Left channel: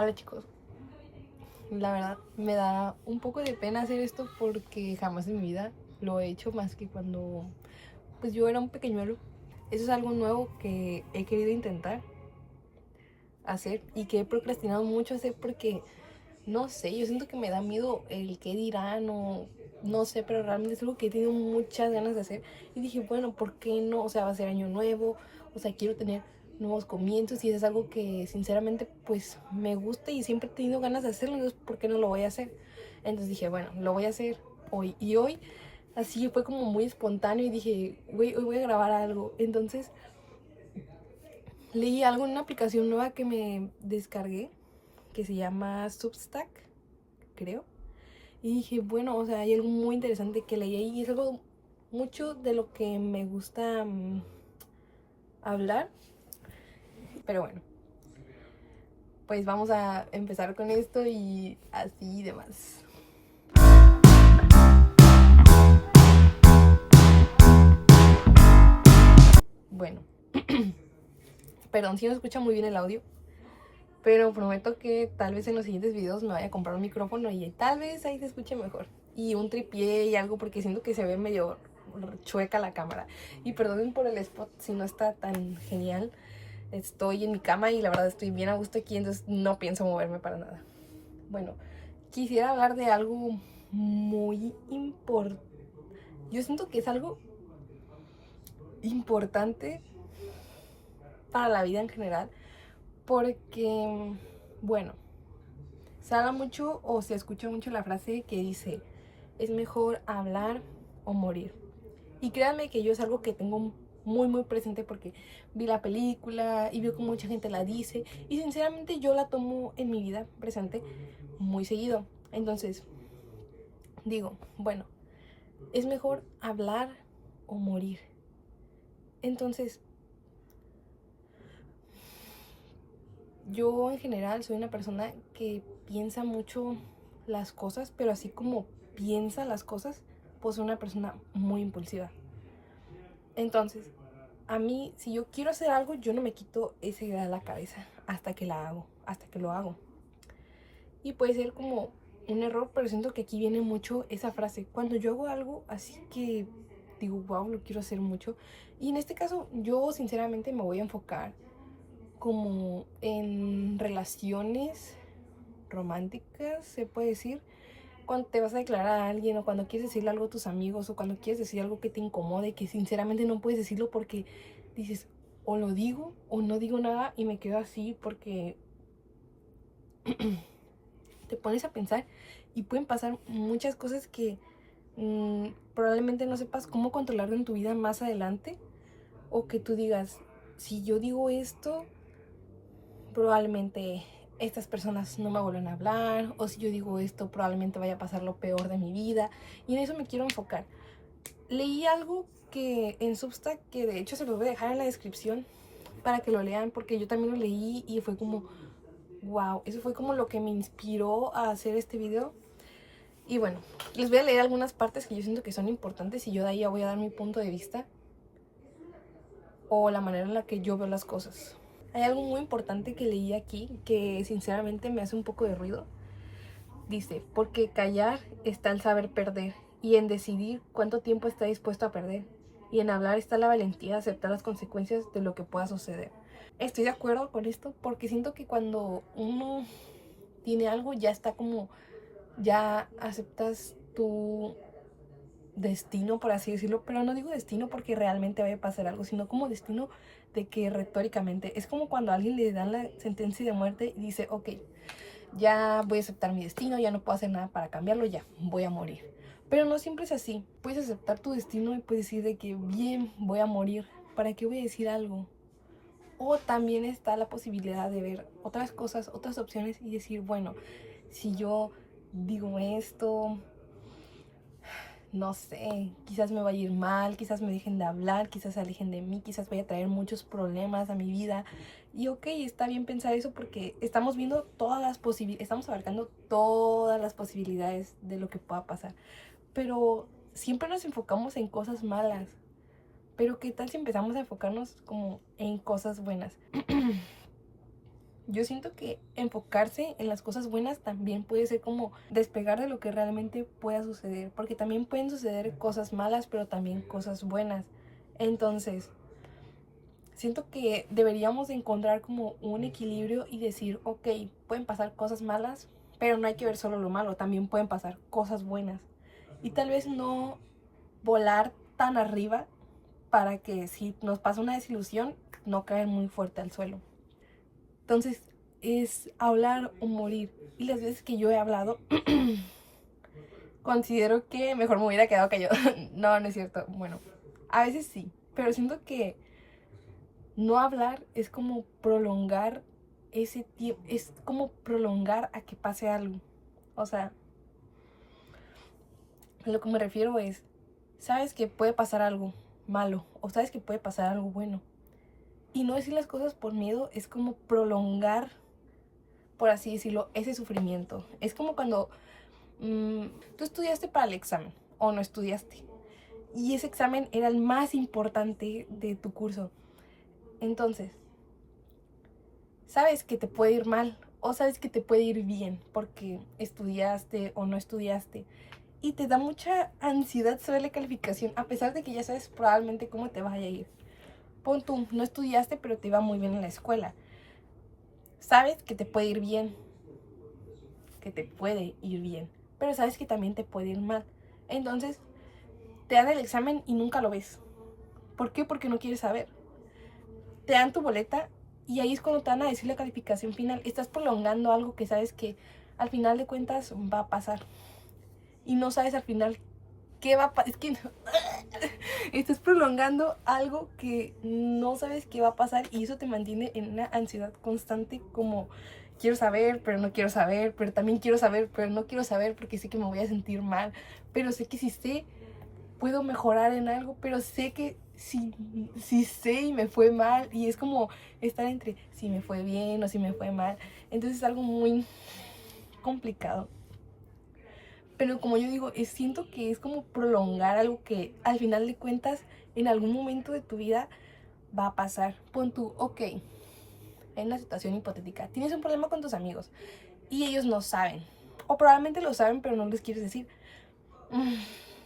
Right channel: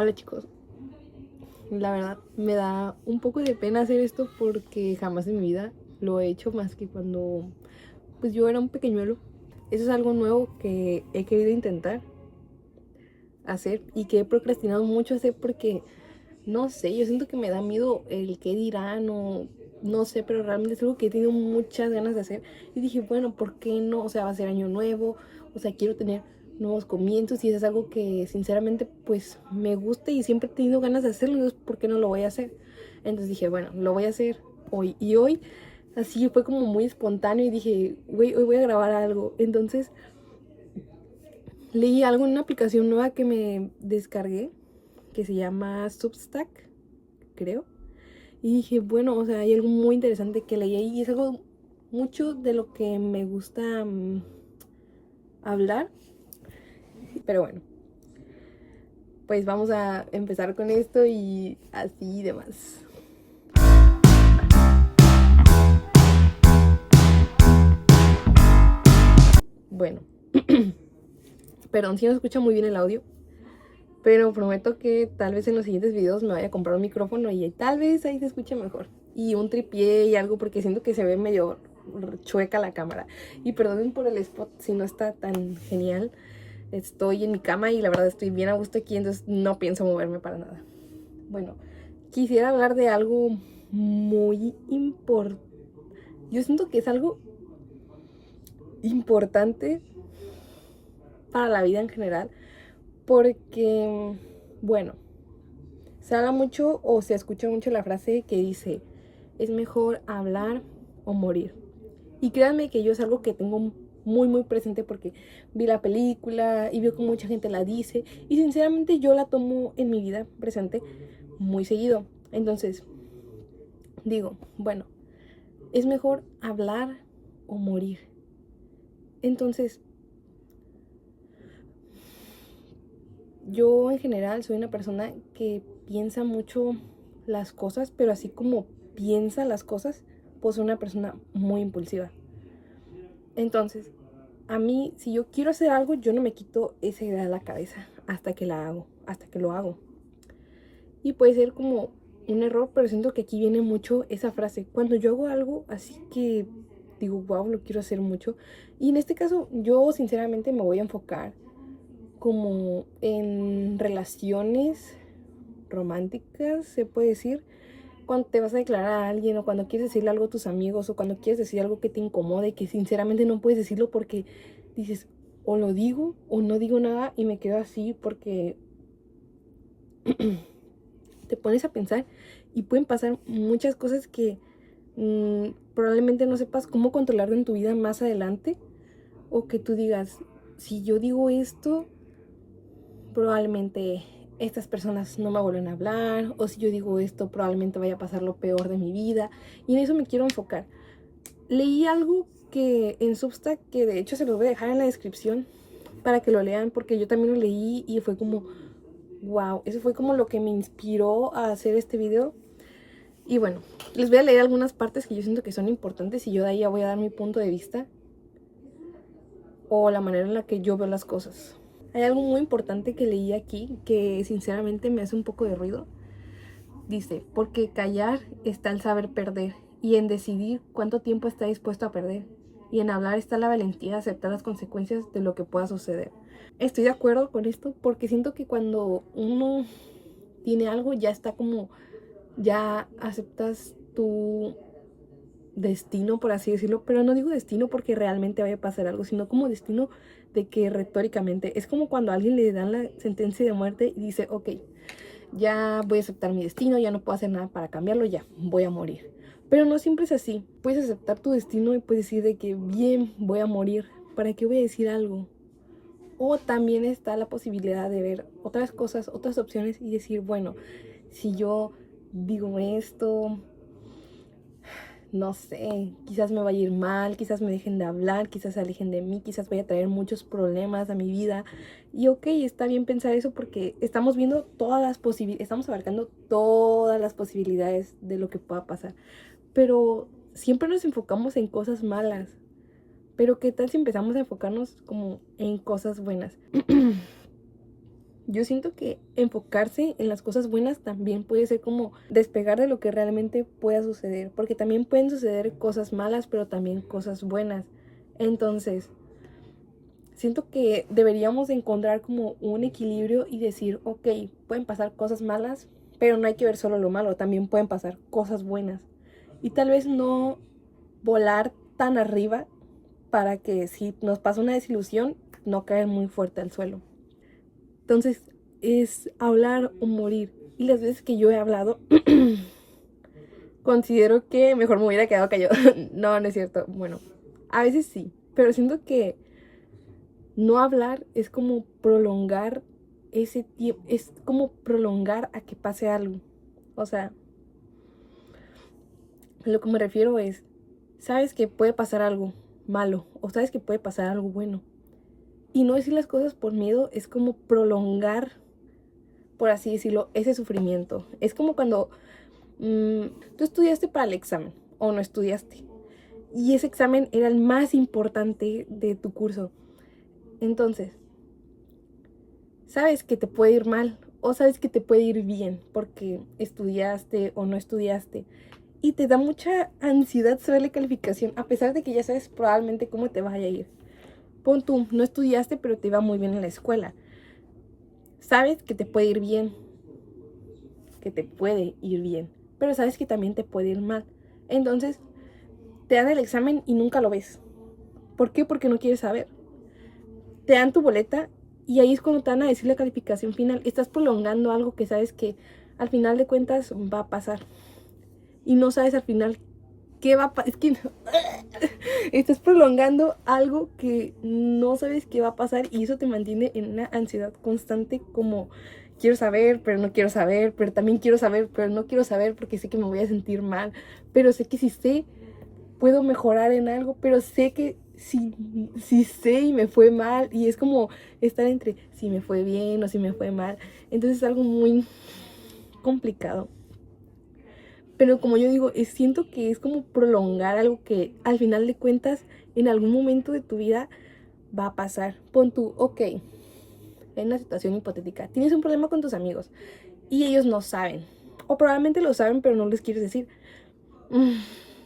Hola chicos, la verdad me da un poco de pena hacer esto porque jamás en mi vida lo he hecho más que cuando pues yo era un pequeñuelo. Eso es algo nuevo que he querido intentar hacer y que he procrastinado mucho hacer porque no sé, yo siento que me da miedo el qué dirán o no sé, pero realmente es algo que he tenido muchas ganas de hacer y dije, bueno, ¿por qué no? O sea, va a ser año nuevo, o sea, quiero tener nuevos comienzos y eso es algo que sinceramente pues me gusta y siempre he tenido ganas de hacerlo, entonces ¿por qué no lo voy a hacer? Entonces dije, bueno, lo voy a hacer hoy y hoy así fue como muy espontáneo y dije, güey, hoy voy a grabar algo. Entonces leí algo en una aplicación nueva que me descargué que se llama Substack, creo. Y dije, bueno, o sea, hay algo muy interesante que leí ahí y es algo mucho de lo que me gusta hablar. Pero bueno, pues vamos a empezar con esto y así y demás. Bueno, perdón si no se escucha muy bien el audio, pero prometo que tal vez en los siguientes videos me vaya a comprar un micrófono y tal vez ahí se escuche mejor. Y un tripié y algo porque siento que se ve medio chueca la cámara. Y perdonen por el spot si no está tan genial. Estoy en mi cama y la verdad estoy bien a gusto aquí, entonces no pienso moverme para nada. Bueno, quisiera hablar de algo muy importante. Yo siento que es algo importante para la vida en general porque, bueno, se habla mucho o se escucha mucho la frase que dice, es mejor hablar o morir. Y créanme que yo es algo que tengo muy presente porque vi la película y veo que mucha gente la dice y sinceramente yo la tomo en mi vida presente muy seguido. Entonces digo, bueno, es mejor hablar o morir. Entonces yo en general soy una persona que piensa mucho las cosas, pero así como piensa las cosas, pues soy una persona muy impulsiva. Entonces a mí, si yo quiero hacer algo, yo no me quito esa idea de la cabeza hasta que la hago, hasta que lo hago. Y puede ser como un error, pero siento que aquí viene mucho esa frase. Cuando yo hago algo así que digo, wow, lo quiero hacer mucho. Y en este caso, yo sinceramente me voy a enfocar como en relaciones románticas, se puede decir. Cuando te vas a declarar a alguien o cuando quieres decirle algo a tus amigos o cuando quieres decir algo que te incomode y que sinceramente no puedes decirlo porque dices o lo digo o no digo nada y me quedo así porque te pones a pensar y pueden pasar muchas cosas que probablemente no sepas cómo controlar en tu vida más adelante o que tú digas, si yo digo esto, probablemente estas personas no me vuelven a hablar, o si yo digo esto, probablemente vaya a pasar lo peor de mi vida, y en eso me quiero enfocar. Leí algo que en Substack, que de hecho se los voy a dejar en la descripción para que lo lean, porque yo también lo leí y fue como, wow, eso fue como lo que me inspiró a hacer este video. Y bueno, les voy a leer algunas partes que yo siento que son importantes y yo de ahí ya voy a dar mi punto de vista o la manera en la que yo veo las cosas. Hay algo muy importante que leí aquí que sinceramente me hace un poco de ruido. Dice, porque callar está el saber perder y en decidir cuánto tiempo está dispuesto a perder. Y en hablar está la valentía de aceptar las consecuencias de lo que pueda suceder. Estoy de acuerdo con esto porque siento que cuando uno tiene algo ya está como, ya aceptas tu destino, por así decirlo, pero no digo destino porque realmente vaya a pasar algo, sino como destino de que retóricamente es como cuando a alguien le dan la sentencia de muerte y dice, ok, ya voy a aceptar mi destino, ya no puedo hacer nada para cambiarlo, ya voy a morir. Pero no siempre es así. Puedes aceptar tu destino y puedes decir de que bien, voy a morir. ¿Para qué voy a decir algo? O también está la posibilidad de ver otras cosas, otras opciones y decir, bueno, si yo digo esto, no sé, quizás me vaya a ir mal, quizás me dejen de hablar, quizás se alejen de mí, quizás vaya a traer muchos problemas a mi vida. Y ok, está bien pensar eso porque estamos viendo todas las posibilidades, estamos abarcando todas las posibilidades de lo que pueda pasar. Pero siempre nos enfocamos en cosas malas. Pero ¿qué tal si empezamos a enfocarnos como en cosas buenas? Yo siento que enfocarse en las cosas buenas también puede ser como despegar de lo que realmente pueda suceder, porque también pueden suceder cosas malas, pero también cosas buenas. Entonces, siento que deberíamos de encontrar como un equilibrio y decir, ok, pueden pasar cosas malas, pero no hay que ver solo lo malo, también pueden pasar cosas buenas. Y tal vez no volar tan arriba para que si nos pasa una desilusión, no caer muy fuerte al suelo. Entonces, es hablar o morir. Y las veces que yo he hablado, considero que mejor me hubiera quedado callado. No, no es cierto. Bueno, a veces sí, pero siento que no hablar es como prolongar ese tiempo, es como prolongar a que pase algo. O sea, a lo que me refiero es, sabes que puede pasar algo malo o sabes que puede pasar algo bueno. Y no decir las cosas por miedo es como prolongar, por así decirlo, ese sufrimiento. Es como cuando tú estudiaste para el examen o no estudiaste. Y ese examen era el más importante de tu curso. Entonces, sabes que te puede ir mal o sabes que te puede ir bien porque estudiaste o no estudiaste. Y te da mucha ansiedad saber la calificación a pesar de que ya sabes probablemente cómo te vaya a ir. Pon tú, no estudiaste pero te iba muy bien en la escuela. Sabes que te puede ir bien, que te puede ir bien, pero sabes que también te puede ir mal. Entonces, te dan el examen y nunca lo ves. ¿Por qué? Porque no quieres saber. Te dan tu boleta y ahí es cuando te van a decir la calificación final. Estás prolongando algo que sabes que al final de cuentas va a pasar. Y no sabes al final qué va a pasar. Es que estás prolongando algo que no sabes qué va a pasar y eso te mantiene en una ansiedad constante como quiero saber, pero no quiero saber, pero también quiero saber, pero no quiero saber porque sé que me voy a sentir mal, pero sé que si sé puedo mejorar en algo, pero sé que si sé y me fue mal y es como estar entre si me fue bien o si me fue mal, entonces es algo muy complicado. Pero como yo digo, siento que es como prolongar algo que al final de cuentas en algún momento de tu vida va a pasar. Pon tú, ok, en una situación hipotética, tienes un problema con tus amigos y ellos no saben. O probablemente lo saben pero no les quieres decir.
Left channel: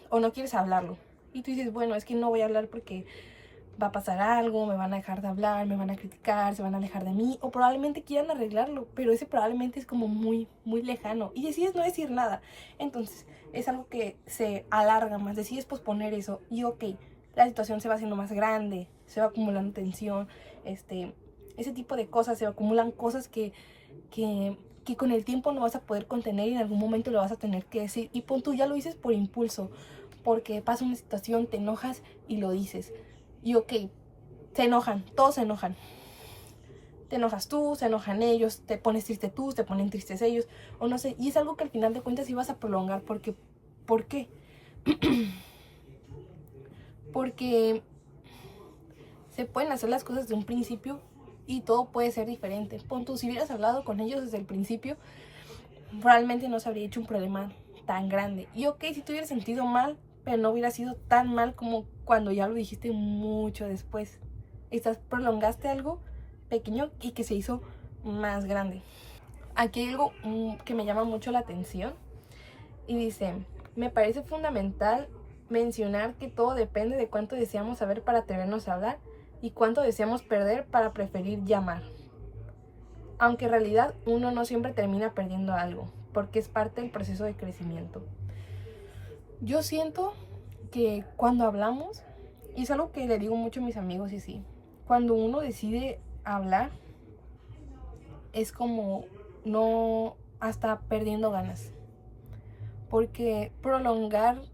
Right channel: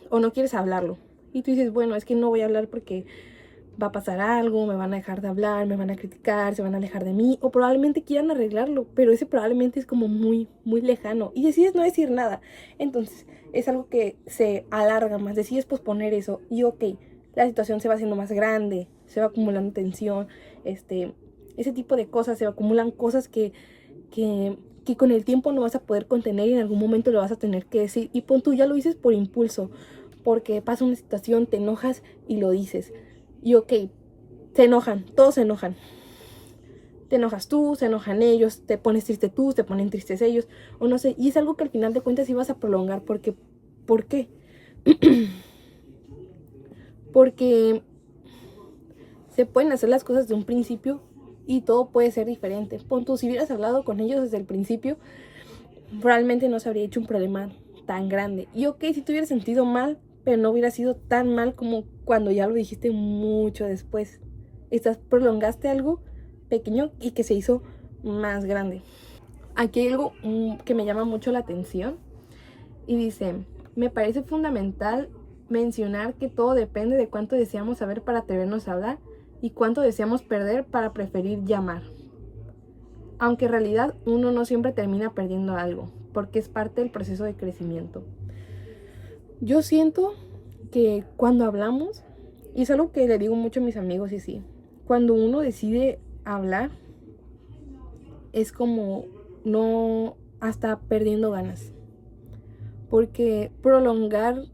O no quieres hablarlo. Y tú dices, bueno, es que no voy a hablar porque va a pasar algo, me van a dejar de hablar, me van a criticar, se van a alejar de mí, o probablemente quieran arreglarlo, pero ese probablemente es como muy, muy lejano, y decides no decir nada. Entonces, es algo que se alarga más, decides posponer eso, y ok, la situación se va haciendo más grande, se va acumulando tensión, ese tipo de cosas, se acumulan cosas que con el tiempo no vas a poder contener y en algún momento lo vas a tener que decir. Y pon tú, ya lo dices por impulso, porque pasa una situación, te enojas y lo dices. Y ok, se enojan, todos se enojan. Te enojas tú, se enojan ellos, te pones triste tú, te ponen tristes ellos, o no sé. Y es algo que al final de cuentas ibas a prolongar, porque, ¿por qué? Porque se pueden hacer las cosas de un principio y todo puede ser diferente. Pon tú, si hubieras hablado con ellos desde el principio, probablemente no se habría hecho un problema tan grande. Y ok, si te hubieras sentido mal, pero no hubiera sido tan mal como cuando ya lo dijiste mucho después. Prolongaste algo pequeño y que se hizo más grande. Aquí hay algo que me llama mucho la atención y dice, me parece fundamental mencionar que todo depende de cuánto deseamos saber para atrevernos a hablar y cuánto deseamos perder para preferir llamar. Aunque en realidad uno no siempre termina perdiendo algo, porque es parte del proceso de crecimiento. Yo siento que cuando hablamos, y es algo que le digo mucho a mis amigos y sí, cuando uno decide hablar, es como no hasta perdiendo ganas. Porque prolongar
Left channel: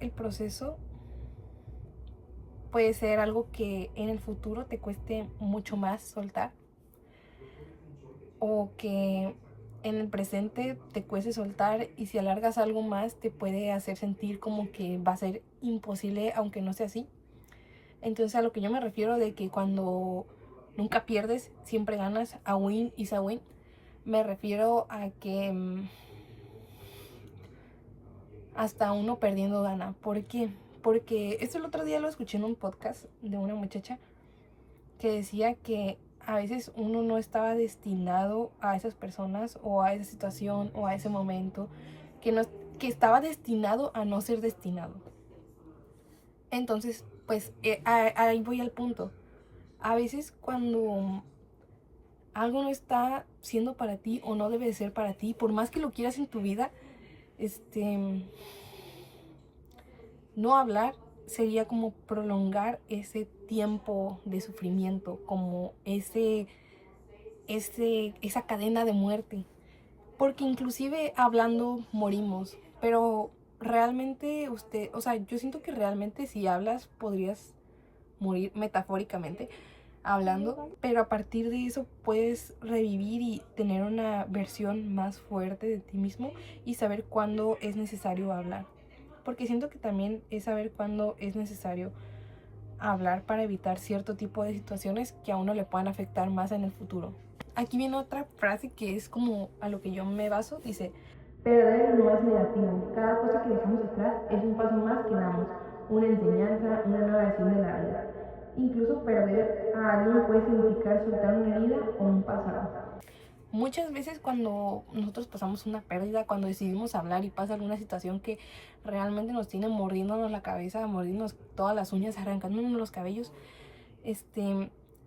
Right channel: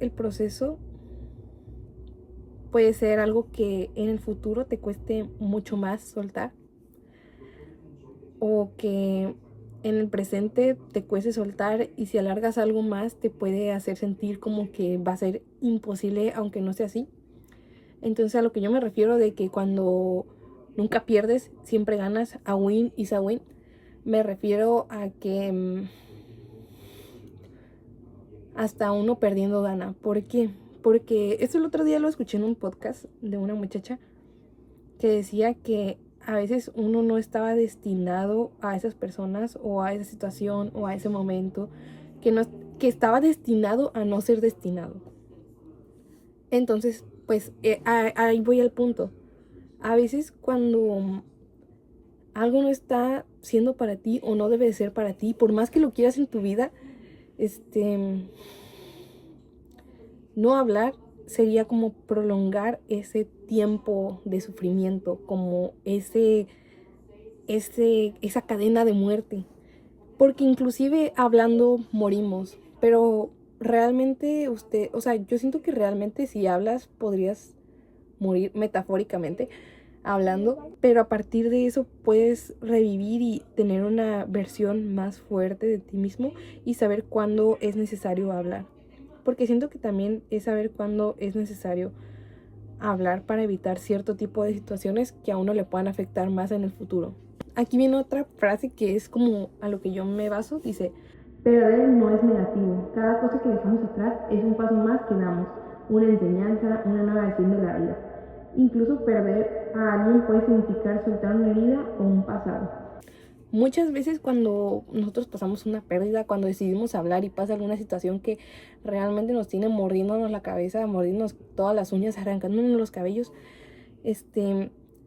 el proceso puede ser algo que en el futuro te cueste mucho más soltar. O que en el presente te cueste soltar y si alargas algo más te puede hacer sentir como que va a ser imposible aunque no sea así. Entonces a lo que yo me refiero de que cuando nunca pierdes, siempre ganas, a win is a win, me refiero a que hasta uno perdiendo gana. ¿Por qué? Porque esto el otro día lo escuché en un podcast de una muchacha que decía que a veces uno no estaba destinado a esas personas o a esa situación o a ese momento, que estaba destinado a no ser destinado. Entonces, pues ahí voy al punto. A veces cuando algo no está siendo para ti o no debe de ser para ti, por más que lo quieras en tu vida, no hablar sería como prolongar ese tiempo de sufrimiento, como esa cadena de muerte. Porque inclusive hablando morimos, pero realmente o sea, yo siento que realmente si hablas podrías morir metafóricamente hablando, pero a partir de eso puedes revivir y tener una versión más fuerte de ti mismo y saber cuándo es necesario hablar. Porque siento que también es saber cuándo es necesario hablar para evitar cierto tipo de situaciones que a uno le puedan afectar más en el futuro. Aquí viene otra frase que es como a lo que yo me baso, dice: perder no es negativo, cada cosa que dejamos atrás es un paso más que damos, una enseñanza, una nueva versión de la vida. Incluso perder a alguien puede significar soltar una herida o un pasado. Muchas veces cuando nosotros pasamos una pérdida, cuando decidimos hablar y pasa alguna situación que realmente nos tiene mordiéndonos la cabeza, mordiéndonos todas las uñas, arrancándonos los cabellos,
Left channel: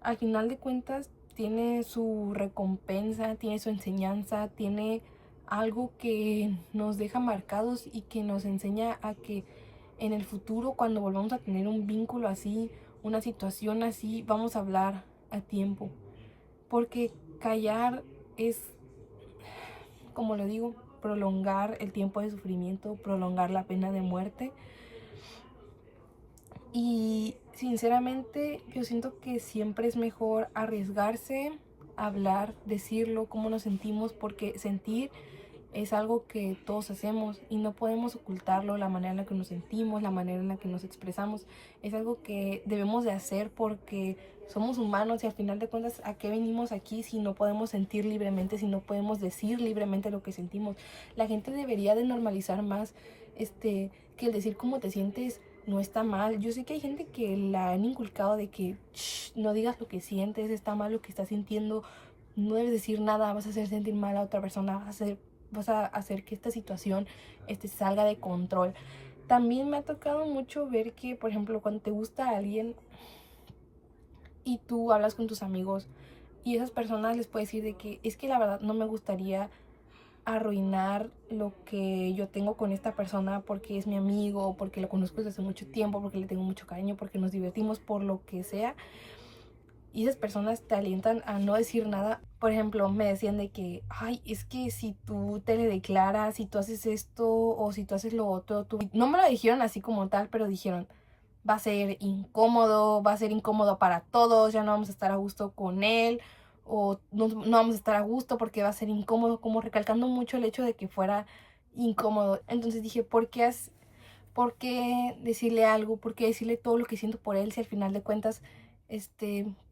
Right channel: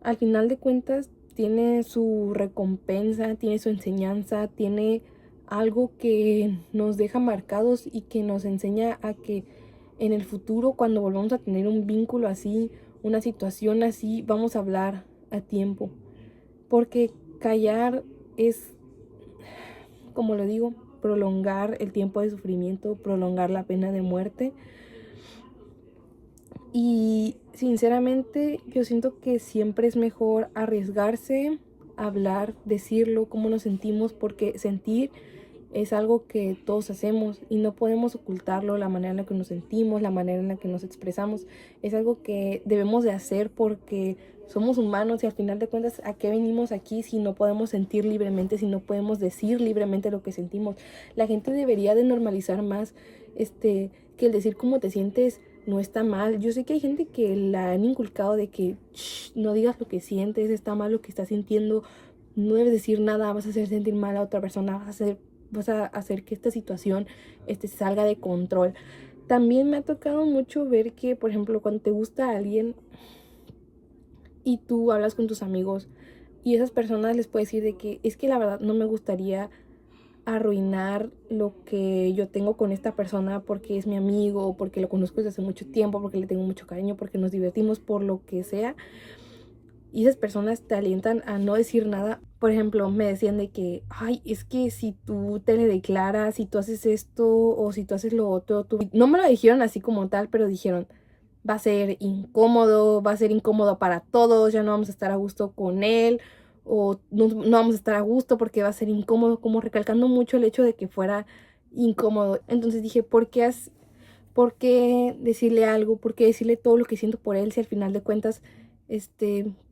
al final de cuentas tiene su recompensa, tiene su enseñanza, tiene algo que nos deja marcados y que nos enseña a que en el futuro, cuando volvamos a tener un vínculo así, una situación así, vamos a hablar a tiempo. Porque callar es, como lo digo, prolongar el tiempo de sufrimiento, prolongar la pena de muerte. Y sinceramente yo siento que siempre es mejor arriesgarse, hablar, decirlo, cómo nos sentimos, porque sentir es algo que todos hacemos y no podemos ocultarlo, la manera en la que nos sentimos, la manera en la que nos expresamos. Es algo que debemos de hacer porque somos humanos y al final de cuentas, ¿a qué venimos aquí si no podemos sentir libremente, si no podemos decir libremente lo que sentimos? La gente debería de normalizar más que el decir cómo te sientes no está mal. Yo sé que hay gente que la han inculcado de que no digas lo que sientes, está mal lo que estás sintiendo, no debes decir nada, vas a hacer sentir mal a otra persona, vas a hacer que esta situación salga de control. También me ha tocado mucho ver que, por ejemplo, cuando te gusta a alguien y tú hablas con tus amigos y esas personas les puedes decir de que es que la verdad no me gustaría arruinar lo que yo tengo con esta persona porque es mi amigo, porque lo conozco desde hace mucho tiempo, porque le tengo mucho cariño, porque nos divertimos, por lo que sea. Y esas personas te alientan a no decir nada. Por ejemplo, me decían de que, ay, es que si tú te le declaras, si tú haces esto o si tú haces lo otro, tú... No me lo dijeron así como tal, pero dijeron, va a ser incómodo para todos, ya no vamos a estar a gusto con él, o no vamos a estar a gusto porque va a ser incómodo, como recalcando mucho el hecho de que fuera incómodo. Entonces dije, ¿por qué decirle algo? ¿Por qué decirle todo lo que siento por él si al final de cuentas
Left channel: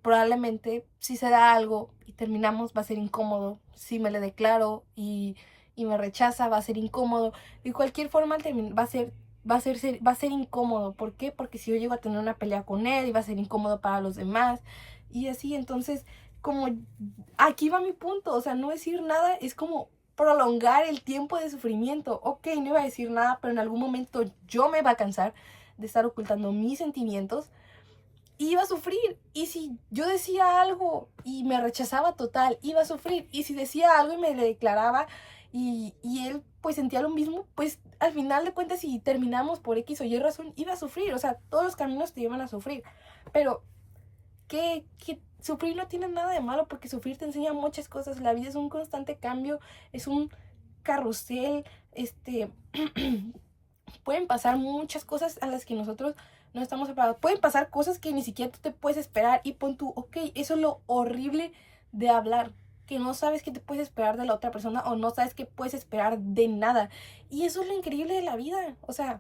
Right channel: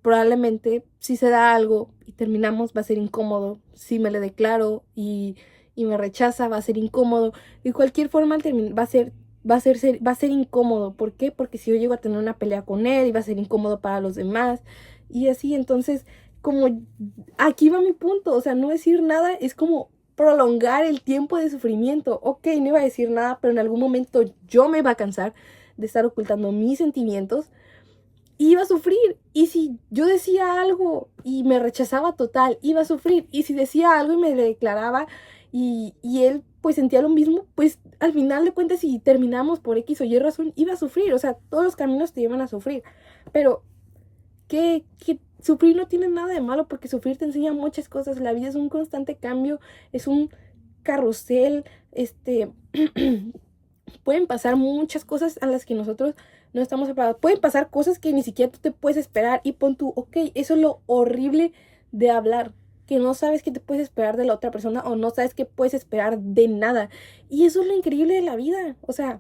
probablemente si se da algo y terminamos va a ser incómodo? Si me le declaro y me rechaza va a ser incómodo. De cualquier forma va a ser incómodo. ¿Por qué? Porque si yo llego a tener una pelea con él y va a ser incómodo para los demás y así. Entonces, como aquí va mi punto, o sea, no decir nada es como prolongar el tiempo de sufrimiento. Ok, no iba a decir nada, pero en algún momento yo me iba a cansar de estar ocultando mis sentimientos, iba a sufrir. Y si yo decía algo y me rechazaba total, iba a sufrir. Y si decía algo y me le declaraba y él pues sentía lo mismo, pues al final de cuentas si terminamos por X o Y razón, iba a sufrir. O sea, todos los caminos te llevan a sufrir. Pero que sufrir no tiene nada de malo, porque sufrir te enseña muchas cosas. La vida es un constante cambio, es un carrusel, pueden pasar muchas cosas a las que nosotros no estamos preparados. Pueden pasar cosas que ni siquiera tú te puedes esperar y pon tú, ok, eso es lo horrible de hablar, que no sabes qué te puedes esperar de la otra persona o no sabes qué puedes esperar de nada. Y eso es lo increíble de la vida, o sea,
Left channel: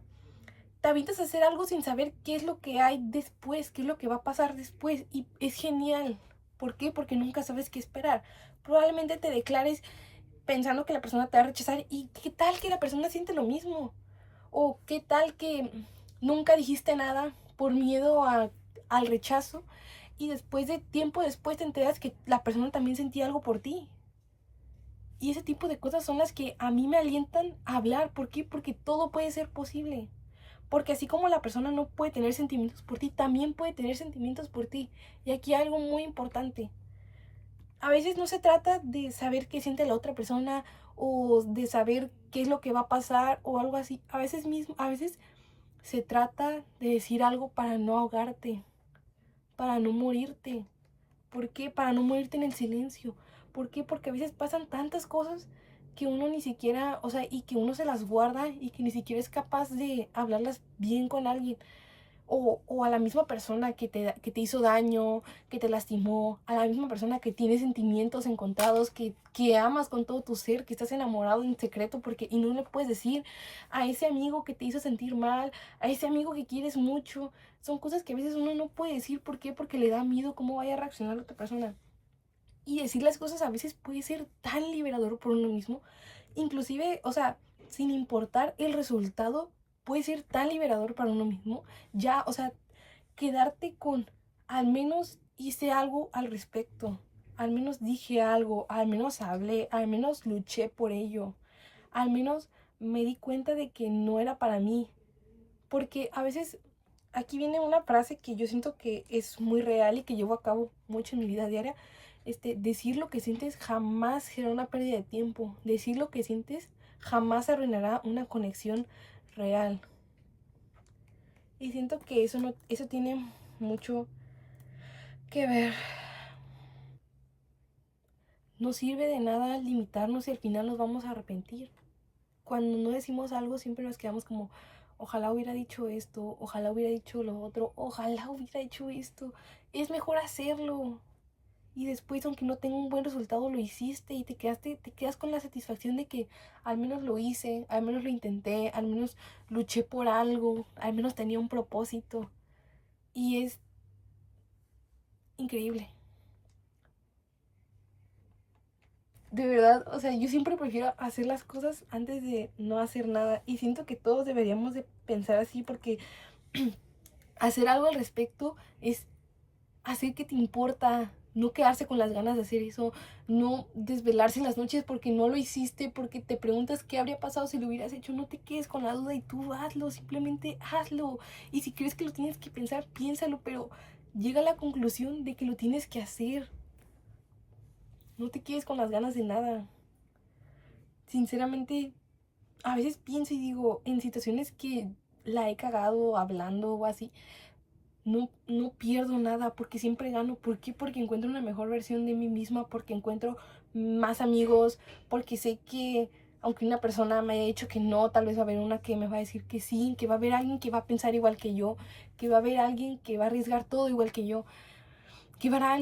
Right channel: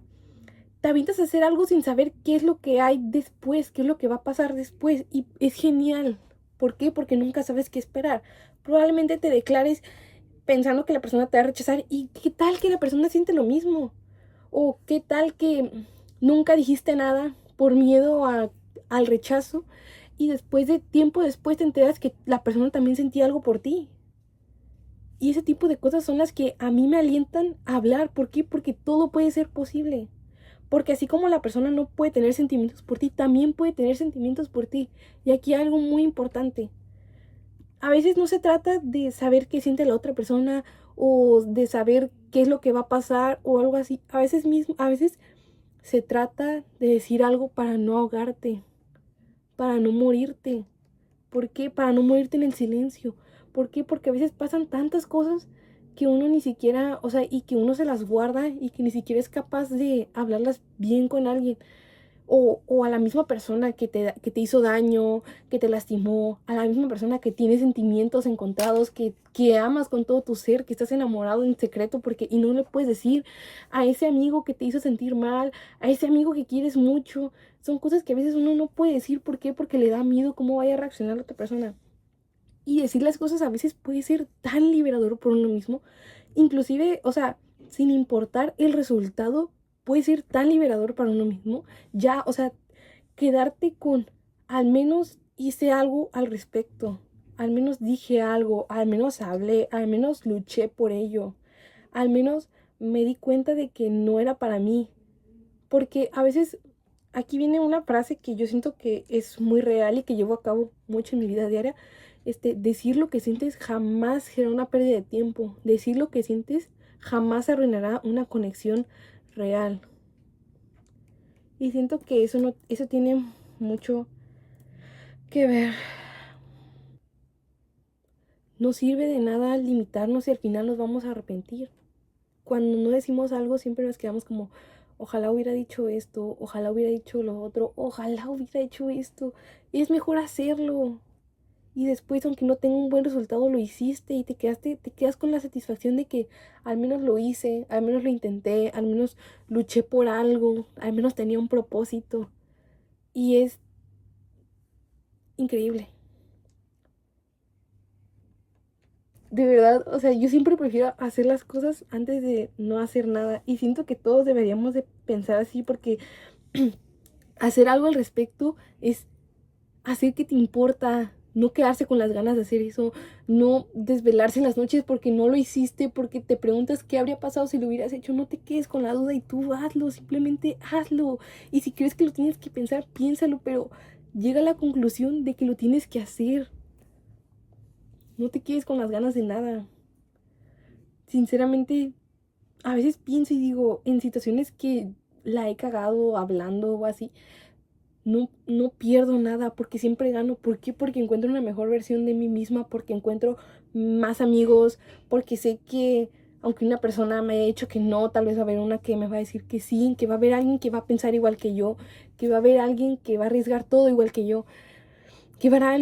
te avientas a hacer algo sin saber qué es lo que hay después, qué es lo que va a pasar después. Y es genial. ¿Por qué? Porque nunca sabes qué esperar. Probablemente te declares pensando que la persona te va a rechazar. ¿Y qué tal que la persona siente lo mismo? ¿O qué tal que nunca dijiste nada por miedo al rechazo? y después de tiempo después te enteras que la persona también sentía algo por ti. Y ese tipo de cosas son las que a mí me alientan a hablar. ¿Por qué? Porque todo puede ser posible. Porque así como la persona no puede tener sentimientos por ti, también puede tener sentimientos por ti. Y aquí hay algo muy importante. A veces no se trata de saber qué siente la otra persona o de saber qué es lo que va a pasar o algo así. A veces se trata de decir algo para no ahogarte, para no morirte. ¿Por qué? Para no morirte en el silencio. ¿Por qué? Porque a veces pasan tantas cosas que uno ni siquiera, o sea, y que uno se las guarda y que ni siquiera es capaz de hablarlas bien con alguien. O a la misma persona que te hizo daño, que te lastimó, a la misma persona que tiene sentimientos encontrados, que amas con todo tu ser, que estás enamorado en secreto porque y no le puedes decir, a ese amigo que te hizo sentir mal, a ese amigo que quieres mucho. Son cosas que a veces uno no puede decir. ¿Por qué? Porque le da miedo cómo vaya a reaccionar la otra persona. Y decir las cosas a veces puede ser tan liberador por uno mismo, inclusive, o sea, sin importar el resultado, puede ser tan liberador para uno mismo. Ya, o sea, quedarte con, al menos hice algo al respecto, al menos dije algo, al menos hablé, al menos luché por ello, al menos me di cuenta de que no era para mí. Porque a veces aquí viene una frase que yo siento que es muy real y que llevo a cabo mucho en mi vida diaria. Decir lo que sientes jamás será una pérdida de tiempo. Decir lo que sientes jamás arruinará una conexión real. Y siento que eso no, eso tiene mucho que ver. No sirve de nada limitarnos y al final nos vamos a arrepentir. Cuando no decimos algo siempre nos quedamos como, ojalá hubiera dicho esto, ojalá hubiera dicho lo otro, ojalá hubiera hecho esto. Es mejor hacerlo. Y después, aunque no tenga un buen resultado, lo hiciste y te quedas con la satisfacción de que al menos lo hice, al menos lo intenté, al menos luché por algo, al menos tenía un propósito. Y es increíble. De verdad, o sea, yo siempre prefiero hacer las cosas antes de no hacer nada. Y siento que todos deberíamos de pensar así porque hacer algo al respecto es hacer que te importa, no quedarse con las ganas de hacer eso, no desvelarse en las noches porque no lo hiciste, porque te preguntas qué habría pasado si lo hubieras hecho. No te quedes con la duda y tú hazlo, simplemente hazlo. Y si crees que lo tienes que pensar, piénsalo, pero llega a la conclusión de que lo tienes que hacer. No te quedes con las ganas de nada. Sinceramente, a veces pienso y digo, en situaciones que la he cagado hablando o así, no pierdo nada porque siempre gano. ¿Por qué? Porque encuentro una mejor versión de mí misma, porque encuentro más amigos, porque sé que aunque una persona me haya dicho que no, tal vez va a haber una que me va a decir que sí, que va a haber alguien que va a pensar igual que yo, que va a haber alguien que va a arriesgar todo igual que yo, que va a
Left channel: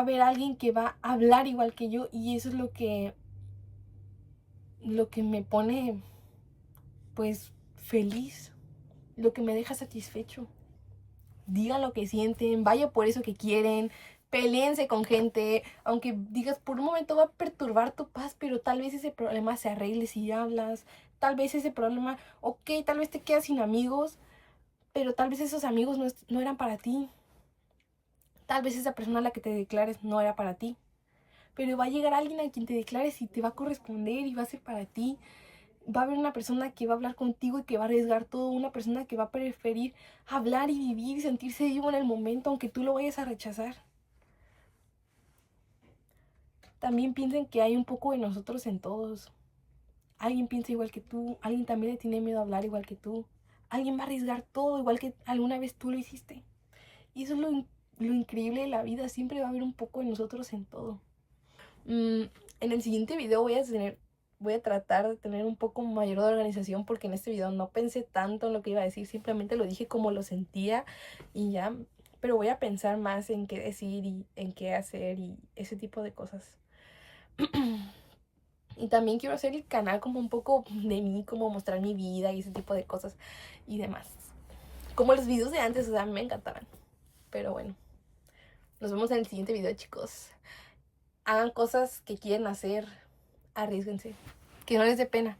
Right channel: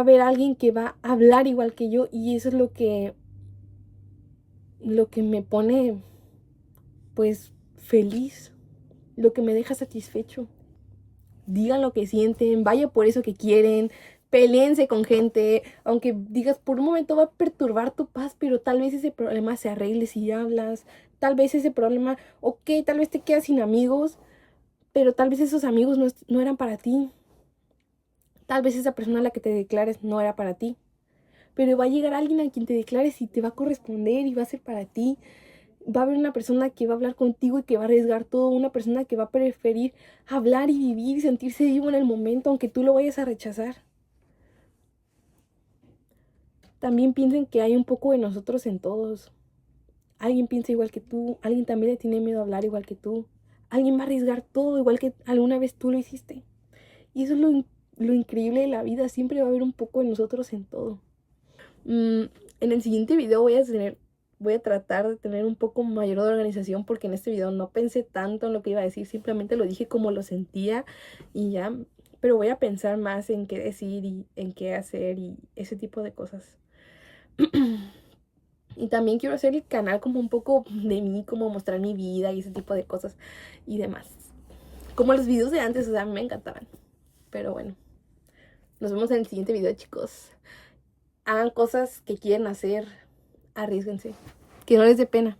haber alguien que va a hablar igual que yo. Y eso es lo que me pone pues feliz, lo que me deja satisfecho. Digan lo que sienten, vaya por eso que quieren, peleense con gente, aunque digas por un momento va a perturbar tu paz, pero tal vez ese problema se arregle si hablas, tal vez ese problema, ok, tal vez te quedas sin amigos, pero tal vez esos amigos no eran para ti, tal vez esa persona a la que te declares no era para ti, pero va a llegar alguien a quien te declares y te va a corresponder y va a ser para ti. Va a haber una persona que va a hablar contigo y que va a arriesgar todo, una persona que va a preferir hablar y vivir y sentirse vivo en el momento, aunque tú lo vayas a rechazar. También piensen que hay un poco de nosotros en todos. Alguien piensa igual que tú, alguien también le tiene miedo a hablar igual que tú, alguien va a arriesgar todo igual que alguna vez tú lo hiciste. Y eso es lo increíble de la vida, siempre va a haber un poco de nosotros en todo. En el siguiente video voy a tratar de tener un poco mayor de organización porque en este video no pensé tanto en lo que iba a decir, simplemente lo dije como lo sentía y ya, pero voy a pensar más en qué decir y en qué hacer y ese tipo de cosas. Y también quiero hacer el canal como un poco de mí, como mostrar mi vida y ese tipo de cosas y demás. Como los videos de antes, o sea, me encantaban. Pero bueno, nos vemos en el siguiente video, chicos. Hagan cosas que quieren hacer, arriésguense, que no les dé pena.